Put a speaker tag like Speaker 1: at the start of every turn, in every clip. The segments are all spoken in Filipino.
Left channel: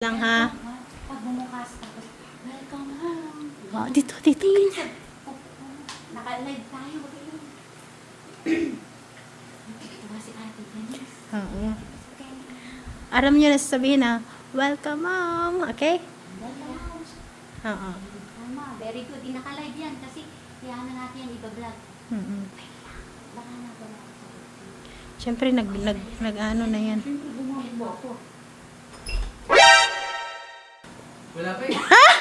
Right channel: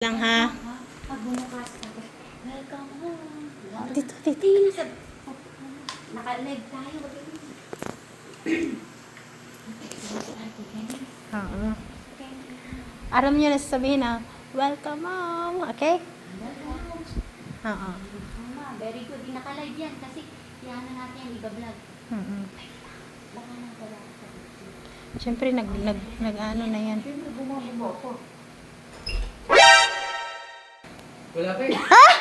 Speaker 1: Lang ha.
Speaker 2: Pag bumukas ka, welcome home.
Speaker 1: Oh, dito.
Speaker 2: Naka-live tayo. Si Ate Denise.
Speaker 1: Oo. Aram nyo na sasabihin na, welcome mom. Okay? Oo.
Speaker 2: Tama, very good. Naka-live yan kasi yan na natin yung iba-vlog. Baka na wala sa
Speaker 1: Siyempre, nag-ano na yan.
Speaker 2: Siyempre, bumababa ako.
Speaker 3: Wala pa eh.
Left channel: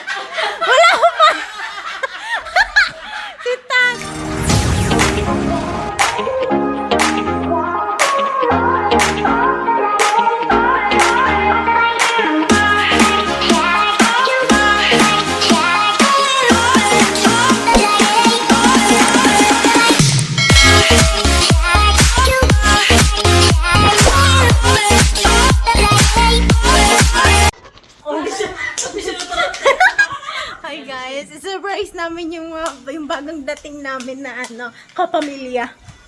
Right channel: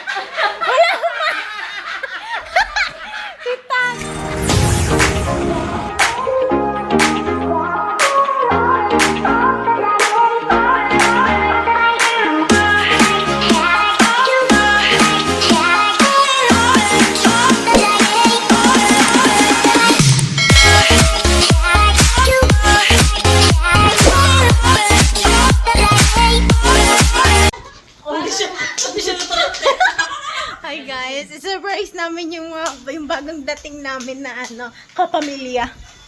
Speaker 1: Hi guys, surprise namin yung bagong dating namin na kapamilya.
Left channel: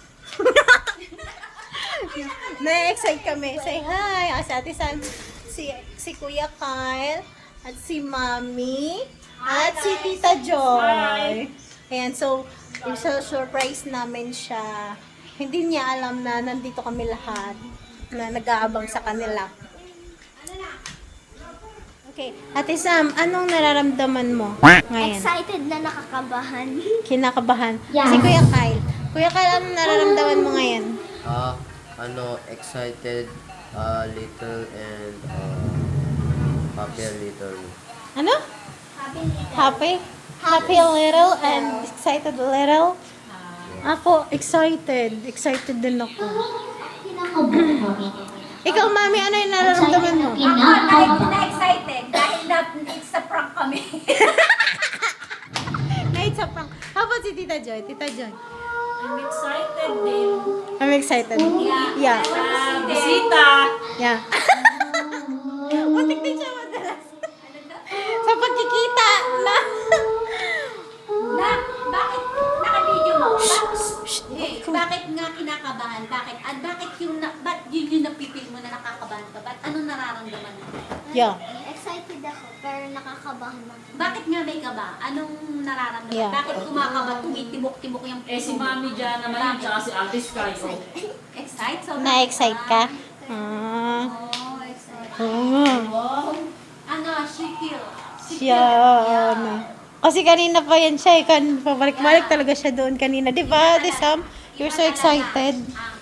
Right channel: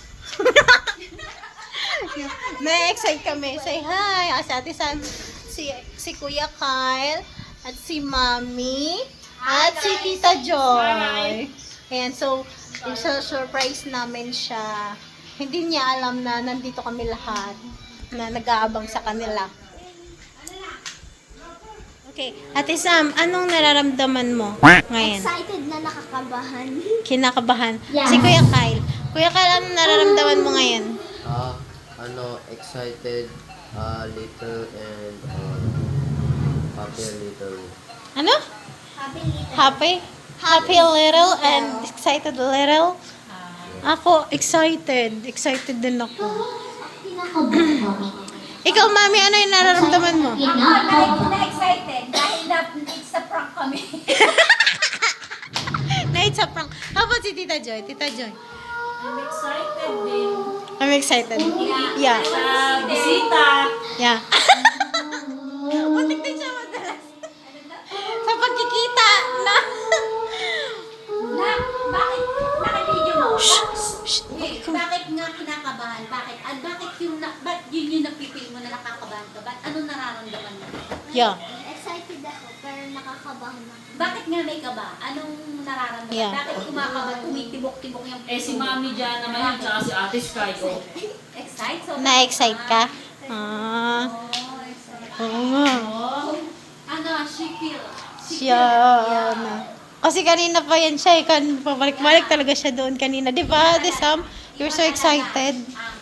Speaker 1: Na-excite kami. Say hi. Si Ate Sam, si Kuya Kyle, at si Mami, at si Tita Joy. Ayan, so, surprise namin siya. Hindi niya alam na nandito kami lahat na nag-aabang sa kanila. Okay, Ate Sam, anong nararamdaman mo ngayon?
Speaker 4: Excited na nakakabahan.
Speaker 1: Kinakabahan.
Speaker 4: Yeah.
Speaker 1: Si Kuya Kyle. Kuya Kyle, anong nararamdaman mo ngayon?
Speaker 3: Excited, little, and happy a little.
Speaker 1: Ano? Happy? Happy a little and excited a little? Ako, excited. Excited din ako. Ikaw, Mami, ano yung nararamdaman mo?
Speaker 2: Na-excited dahil it's a prank kami.
Speaker 1: Night sa prank. How about si Tita Joy? Tita Joy.
Speaker 5: I'm excited din.
Speaker 1: I'm excited. Yeah.
Speaker 5: Bisita.
Speaker 1: Yeah. Muntik din siya madalas. Sa pagkikita na.
Speaker 2: Bakit naka-video mo? Bakit nga kinakabahan? Bakit yun yung napipil mo na nakakabahan ka? Ba't ano nararamdaman mo?
Speaker 1: Yeah.
Speaker 4: Excited ako, pero nakakabahan ako.
Speaker 2: Bakit nga may kaba? Anong nararamdaman?
Speaker 1: Yeah.
Speaker 2: Bakit kumakaba? Tumitibok-tibok yung
Speaker 5: Eh si Mami dyan naman yun, tsaka si Ate Sky. Oh.
Speaker 2: Excite? So,
Speaker 1: Na-excite ka? Ah.
Speaker 2: Oh, excited.
Speaker 1: Oo nga.
Speaker 2: Ano, she feel.
Speaker 1: Siya, kasi kanina pa yan siya, pabalik-balik talaga siya doon kanina. Di ba, Ate Sam? You're so excited.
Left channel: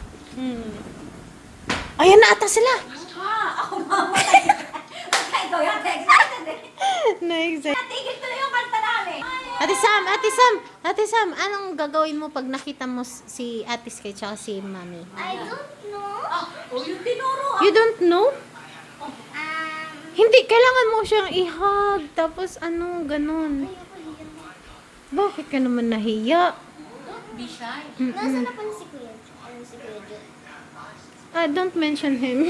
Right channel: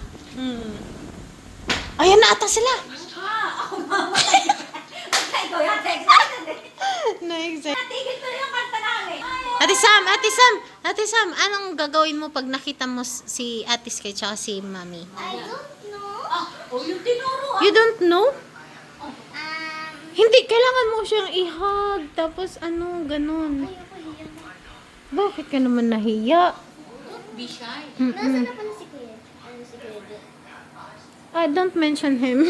Speaker 1: Ayan na ata sila.
Speaker 2: Ako mamatay. Okay, ikaw yan. Excited eh.
Speaker 1: Na-excite.
Speaker 2: Tigil ko na yung kanta namin.
Speaker 1: Ate Sam, anong gagawin mo pag nakita mo si Ate Sky tsaka si Mami?
Speaker 4: I don't know.
Speaker 2: Yung tinuro.
Speaker 1: You don't know?
Speaker 4: Um,
Speaker 1: Hindi, kailangan mo siyang i-hug, tapos ganun. Bakit ka naman nahiya?
Speaker 2: Be shy.
Speaker 4: Nasaan na pala si Kuya? Ano si Kuya Jo?
Speaker 1: Don't mention him.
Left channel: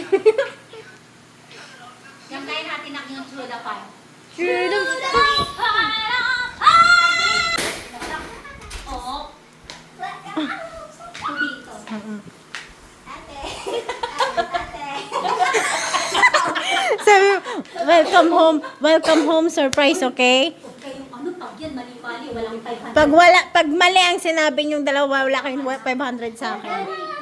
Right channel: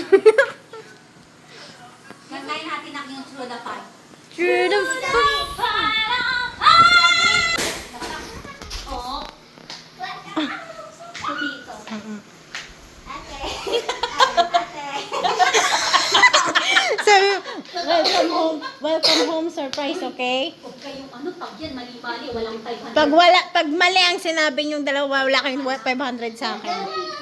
Speaker 2: Yung kaya natin ang yung through the fun.
Speaker 1: Through the
Speaker 2: Oo. Dito.
Speaker 4: Ate.
Speaker 1: Sabi, welcome home surprise, okay?
Speaker 2: Huwag kayong pag yan, mali-mali, walang 500.
Speaker 1: Pag mali ang sinabi yung dalawa, wala kayong 500 sa akin.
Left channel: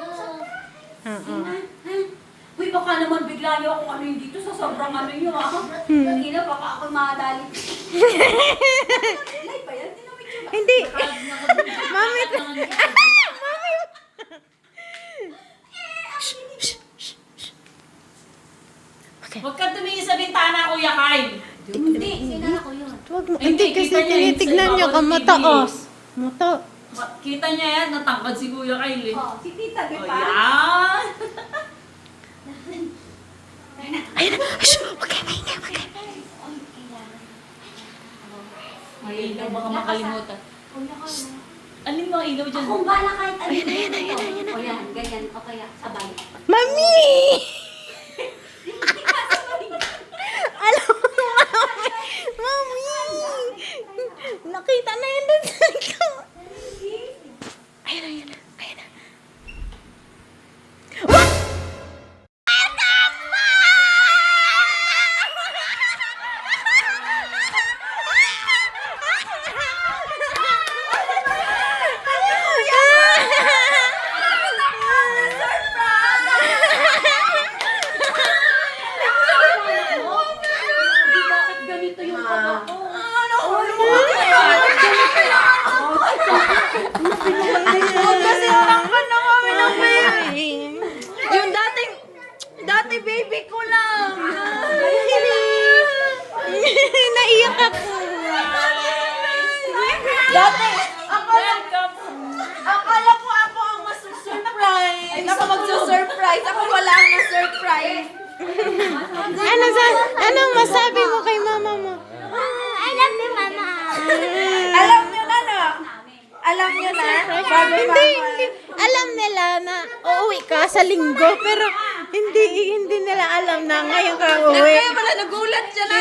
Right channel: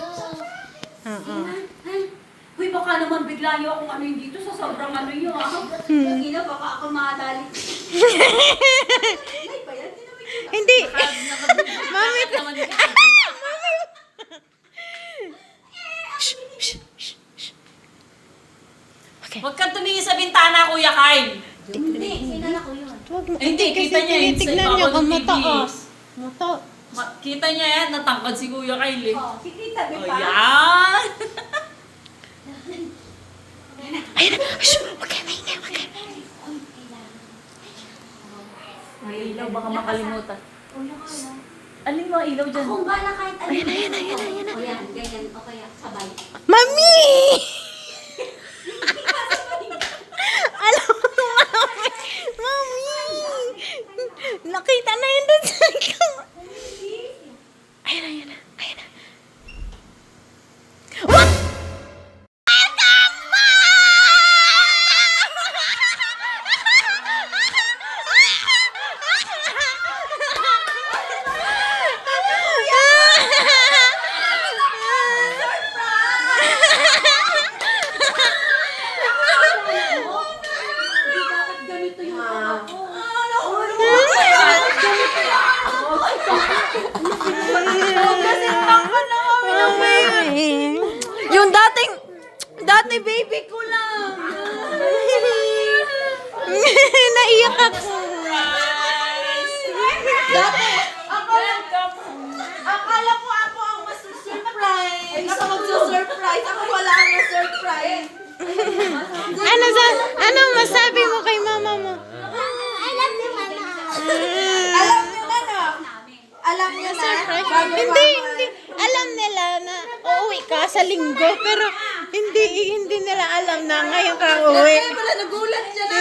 Speaker 2: Uy, baka naman bigla niyo akong ano yun dito sa sobrang ano yun, Kanina, baka ako madali. Ay, pa yan,
Speaker 1: Hindi. Mami. Mami. Okay.
Speaker 5: Huwag kang tumingin sa bintana, Kuya Kyle.
Speaker 2: Hindi, sila ako yun.
Speaker 1: Wag mo.
Speaker 5: Hindi,
Speaker 1: Hindi, kasi
Speaker 5: kita niya yun sa
Speaker 1: tinitignan niyo
Speaker 5: ibabaw
Speaker 1: kung
Speaker 5: ng
Speaker 1: muta,
Speaker 5: TV.
Speaker 1: oh. Muta.
Speaker 5: Kita niya yan, natangkad si Kuya Kyle eh.
Speaker 2: Oh, si Tita, di
Speaker 5: Oh,
Speaker 2: ba?
Speaker 5: yan.
Speaker 1: Ayun na. Shh. Okay.
Speaker 5: Ay, ilaw, baka makalimutan.
Speaker 2: Kuya ka na.
Speaker 5: Ano yung mga ilaw dyan?
Speaker 2: Kung bala kahit ano.
Speaker 1: Ayan na.
Speaker 2: O yan, ganyan. O kaya, sabay.
Speaker 1: Mami! Alam mo, Mami! Nakita na yun dun sa ikaw. Ayun na. What? Welcome back! naiyak ako.
Speaker 2: Dati, akala ko ako ang masusurprise. Ay, ako magsusurprise. Ako wala ang masurprise.
Speaker 1: Anong masabi mo kay mama mo?
Speaker 4: I love you, Mama.
Speaker 2: Alam nyo na, no? Alam nyo na?
Speaker 1: Hindi. Alam nila na uuwi ka sa linggo, pero hindi nila alam na ngayon ka uuwi.
Speaker 2: Kaya pala nagulat siya na.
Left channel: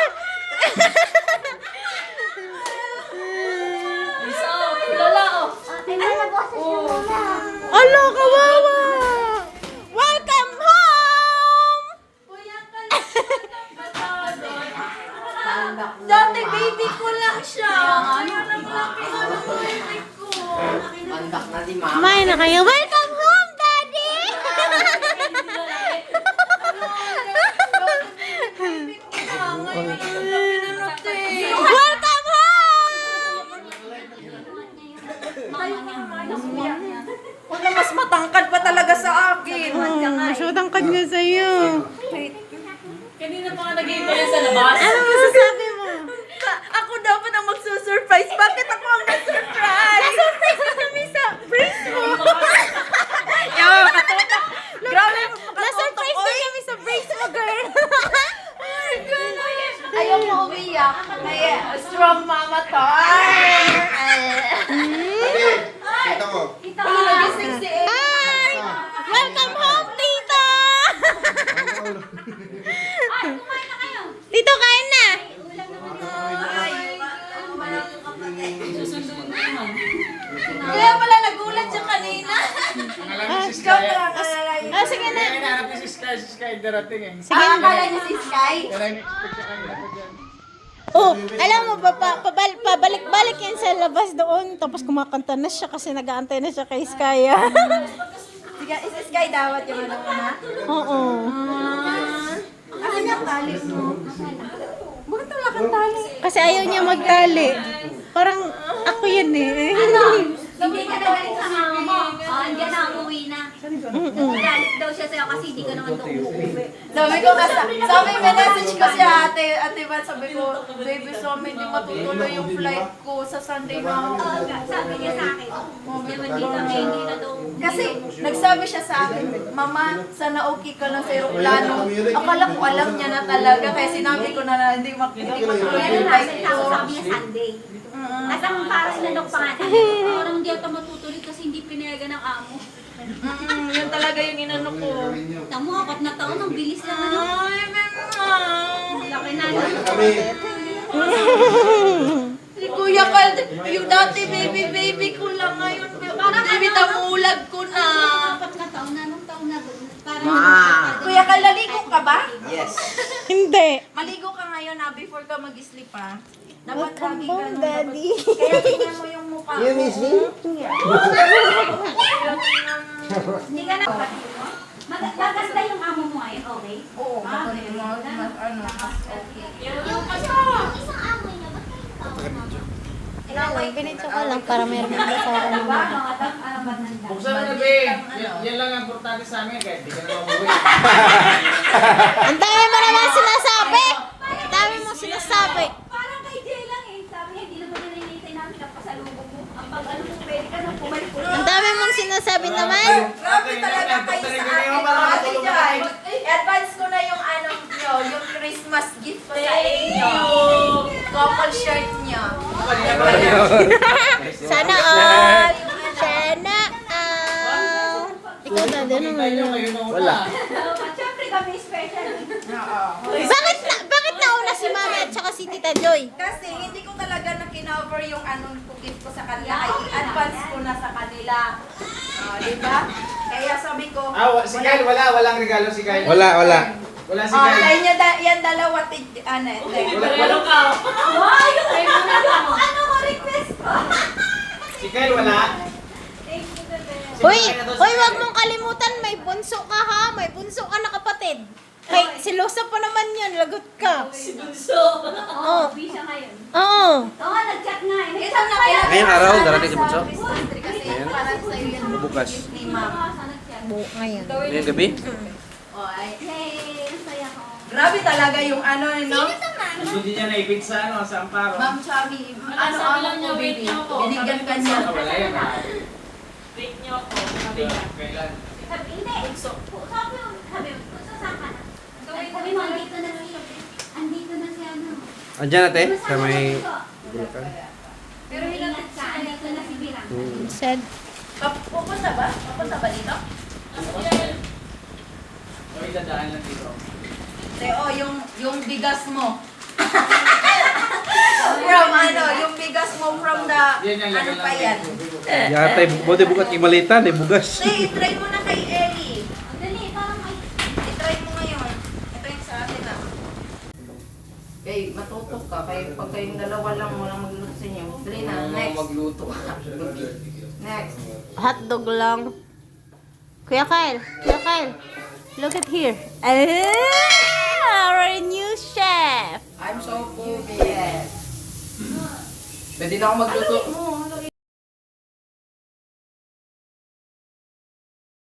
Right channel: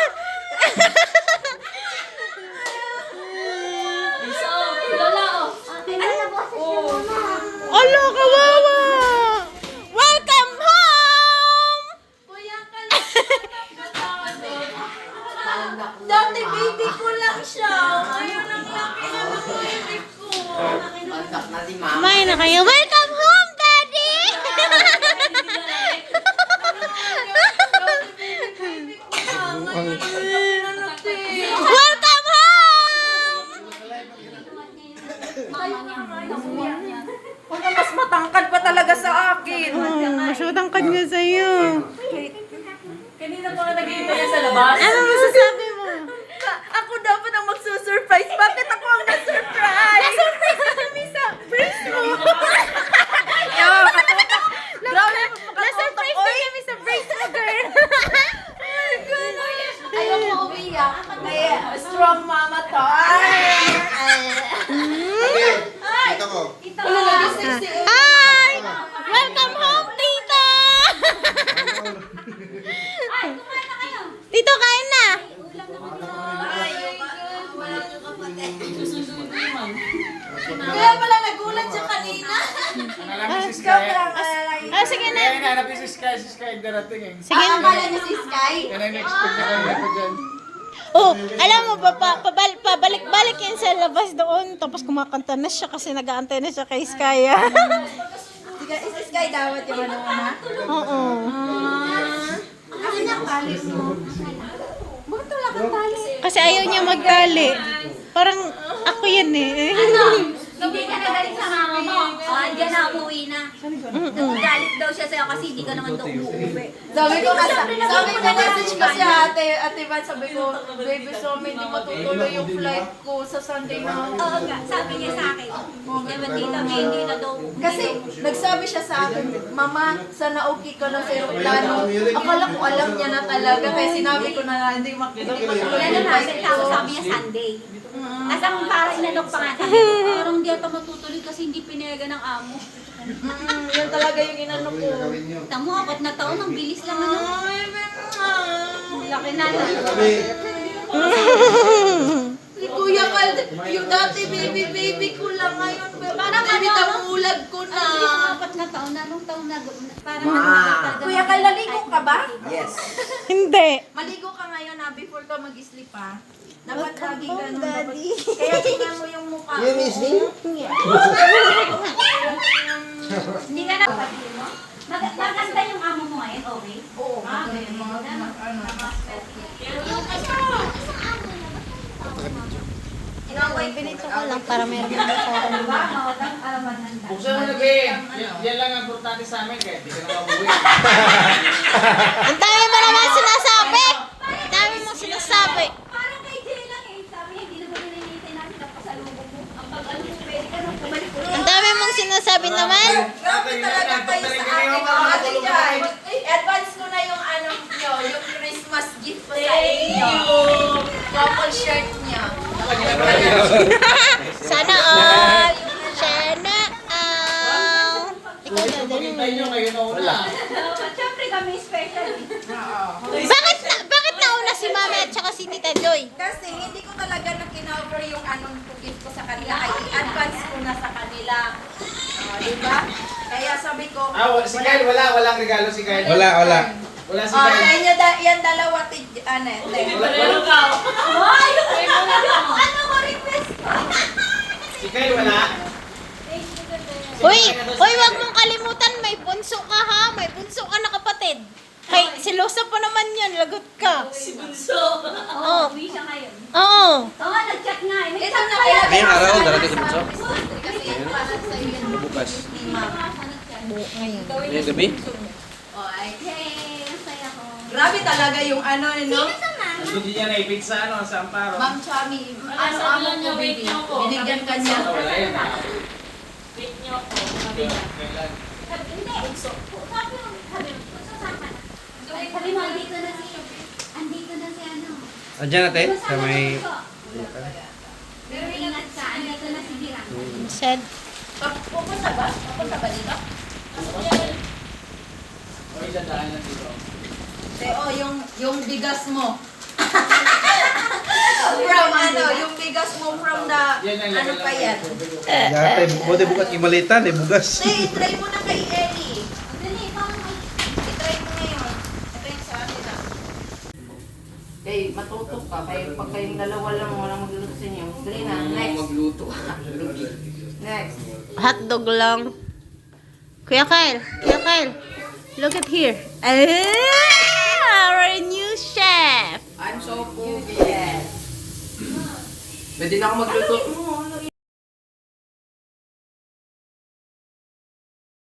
Speaker 4: Pinalaboses niyo, Mama.
Speaker 1: Ala, kawawa! Welcome home!
Speaker 2: Dati baby ko lang siya. Ayun ang akin na baby ko.
Speaker 3: Andak na si mama.
Speaker 1: Kumain na kayo. Welcome home, Daddy! Welcome home!
Speaker 2: Wala, mas matangkad pa talaga sa akin.
Speaker 1: Mas matangkad nga sa'yo.
Speaker 5: Kanina pa nag-iibay sa labas.
Speaker 1: Ano masasabi mo?
Speaker 2: Ako dapat ang magsusurprise. Bakit ako ang na-surprise?
Speaker 1: Na-surprise ka kami sa brace mo.
Speaker 2: Grabe,
Speaker 1: Na-surprise ka kami sa brace mo, girl.
Speaker 2: ayaw mo umiyak. Strong mama to.
Speaker 6: Kita mo.
Speaker 1: Hi! Welcome home, Tito! Tito, kain na!
Speaker 2: Kaya pala nagulat siya kanina. Joke lang.
Speaker 1: Sige na.
Speaker 6: Hinahanap si Sky darating eh.
Speaker 1: Sige na.
Speaker 2: Akala niya si Sky.
Speaker 6: Yan ang expect na kanya ko dyan.
Speaker 1: Oh, alam mo ba, pabalik-balik yan sa labas doon. Tapos kumakanta na siya kasi nag-aantay na siya kay Skya.
Speaker 2: Si Sky dapat yung ano mo na.
Speaker 1: Oo.
Speaker 2: Kasi nakali mo. Bakit wala kang tali?
Speaker 1: Kasi ayaw niya magtali. Parang ako yan eh.
Speaker 2: Hindi ka nagalit sa mama mo. Andiyan na, umuwi na. Nagalit daw siya sa'yo kasi hindi ka naman daw umuwi. Sabi ko, sabi message ko si ate Van, sabi ko, baby, so hindi matutuloy yung flight ko sa Sunday na. Sabi niya sa akin, hindi na daw. Kasi nagsabi siya sa akin, Mama, sana okay ka na sa aeroplano. Akala ko alam niya na talaga, kaya sinabi ko na hindi matuloy yung flight ko.
Speaker 7: Sabi niya Sunday. As ang parang inalok pa nga. Parang hindi ito matutuloy kasi hindi pinayagan ng amo.
Speaker 2: Yan talaga yung inano ko.
Speaker 7: Tamo, 4 na taon, ang bilis lang ano. Laki na.
Speaker 6: Kami.
Speaker 2: Si Kuya Carl, yung dati baby ko lang ngayon. Baby, tamulag ko na.
Speaker 7: 4 na taon na, anong taon na doon? Parang
Speaker 2: Kuya Carl, naligo ka ba?
Speaker 3: Yes.
Speaker 1: Hindi.
Speaker 2: Maligo ka ngayon na before ka mag-sleep ha. Dapat lagi
Speaker 1: home,
Speaker 2: ganun.
Speaker 1: Daddy.
Speaker 2: Kaya tingnan mo yung mukha mo.
Speaker 6: Yan, Isling?
Speaker 7: hindi ka na. Maganda yung amo mo ngayon, okay?
Speaker 2: Oo, ano.
Speaker 1: Binitso ko lang para meron mo sa akin.
Speaker 6: Buksan mo na, Ben. Yan lang ang importante sa amin kahit di ka na mabuhay.
Speaker 1: Ang dami mo naman sinasabi! Ang dami mo sinasabi!
Speaker 7: Parang kay Jay lang eh. Sabi niya, hindi naman nililitay namin ang pasalubong mo. Ang pag-ano mo, pwede ka nang bumalik ulit.
Speaker 1: Ang dami mong sinasabi naman!
Speaker 2: Grabe talaga kayo sa akin. Ate Joy, advance ko na yung ano nyo, yung Christmas gift ko sa inyo. Couple shirt nyo.
Speaker 1: Sana all! Sana all! Ikaw na,
Speaker 6: Kita nyo ngayon na una.
Speaker 7: At syempre kami special.
Speaker 1: Bakit nauna si Mami at saka si Tita Joy?
Speaker 2: Kasi hindi ko talaga na kinover yung anong gift ko sa kanila. Ay, i-advance ko na sa kanila. Diba? Kaya sabi ko,
Speaker 6: Si Kyle, walang regalo si Kyle.
Speaker 3: Wala.
Speaker 6: Wala si
Speaker 2: sa
Speaker 6: Kyle.
Speaker 2: inyo, yan dalawa, ano,
Speaker 5: Meron ka.
Speaker 7: Ano mo request ko?
Speaker 6: Si Kyle wala.
Speaker 1: Hoy, wag mong kalimutan, may bunso ka ha? May bunso ka na kapatid. Kay, silosa pa naman yan, lagot ka.
Speaker 5: Bunso.
Speaker 1: Oo.
Speaker 7: Uwi siya ngayon.
Speaker 1: Oo.
Speaker 7: Ito nga, nag-chat nga eh.
Speaker 2: Ito na kaya.
Speaker 3: Ngayong araw, darating si Bunso?
Speaker 2: Kasi para sa iyo yung
Speaker 3: Bukas.
Speaker 2: gift ni Mama.
Speaker 1: Ngayon.
Speaker 3: Ngayong gabi?
Speaker 2: Oh, ay.
Speaker 7: Yay! Ang saya ko.
Speaker 2: Grabe talaga yung ano, no?
Speaker 4: Ito na.
Speaker 6: Hindi niya naipit sa ano, sa Amparo.
Speaker 2: Ma'am Chami, ano
Speaker 5: Sabi
Speaker 2: ang
Speaker 5: lang niya,
Speaker 2: mo,
Speaker 5: wait
Speaker 2: baby?
Speaker 5: niyo ako.
Speaker 2: Binigyan ka niya.
Speaker 6: Wala yan.
Speaker 5: Wait niyo ako. Sabi niya.
Speaker 6: Kailan?
Speaker 7: Sabi mo, andito na si andito na si ano.
Speaker 3: Andiyan natin? Sa may...
Speaker 7: Pero ingat ka, andito na si Dira.
Speaker 1: Said,
Speaker 2: Pupunta ba? Pupunta ba dito?
Speaker 6: O, dadaan lang dito.
Speaker 2: Teo, yung bigas mo. From ano, yung bigas mo from the,
Speaker 6: Yan ang
Speaker 2: ano pa yan?
Speaker 8: Yata, buti bukat imalitan, bugas.
Speaker 2: Say, try mo na kay Ellie.
Speaker 7: Dali, parang
Speaker 2: I-try mo ngayon. Ito yung sa akin ah. Okay, matutok ka. Pag kayong dalawa lang, walang magluto sa inyo. Dali na, next.
Speaker 3: Magluto.
Speaker 2: Next.
Speaker 1: hotdog lang. Kuya Kyle, look at here. Our new chef.
Speaker 2: I'm so good, yes.
Speaker 3: Pwede na ako magluto.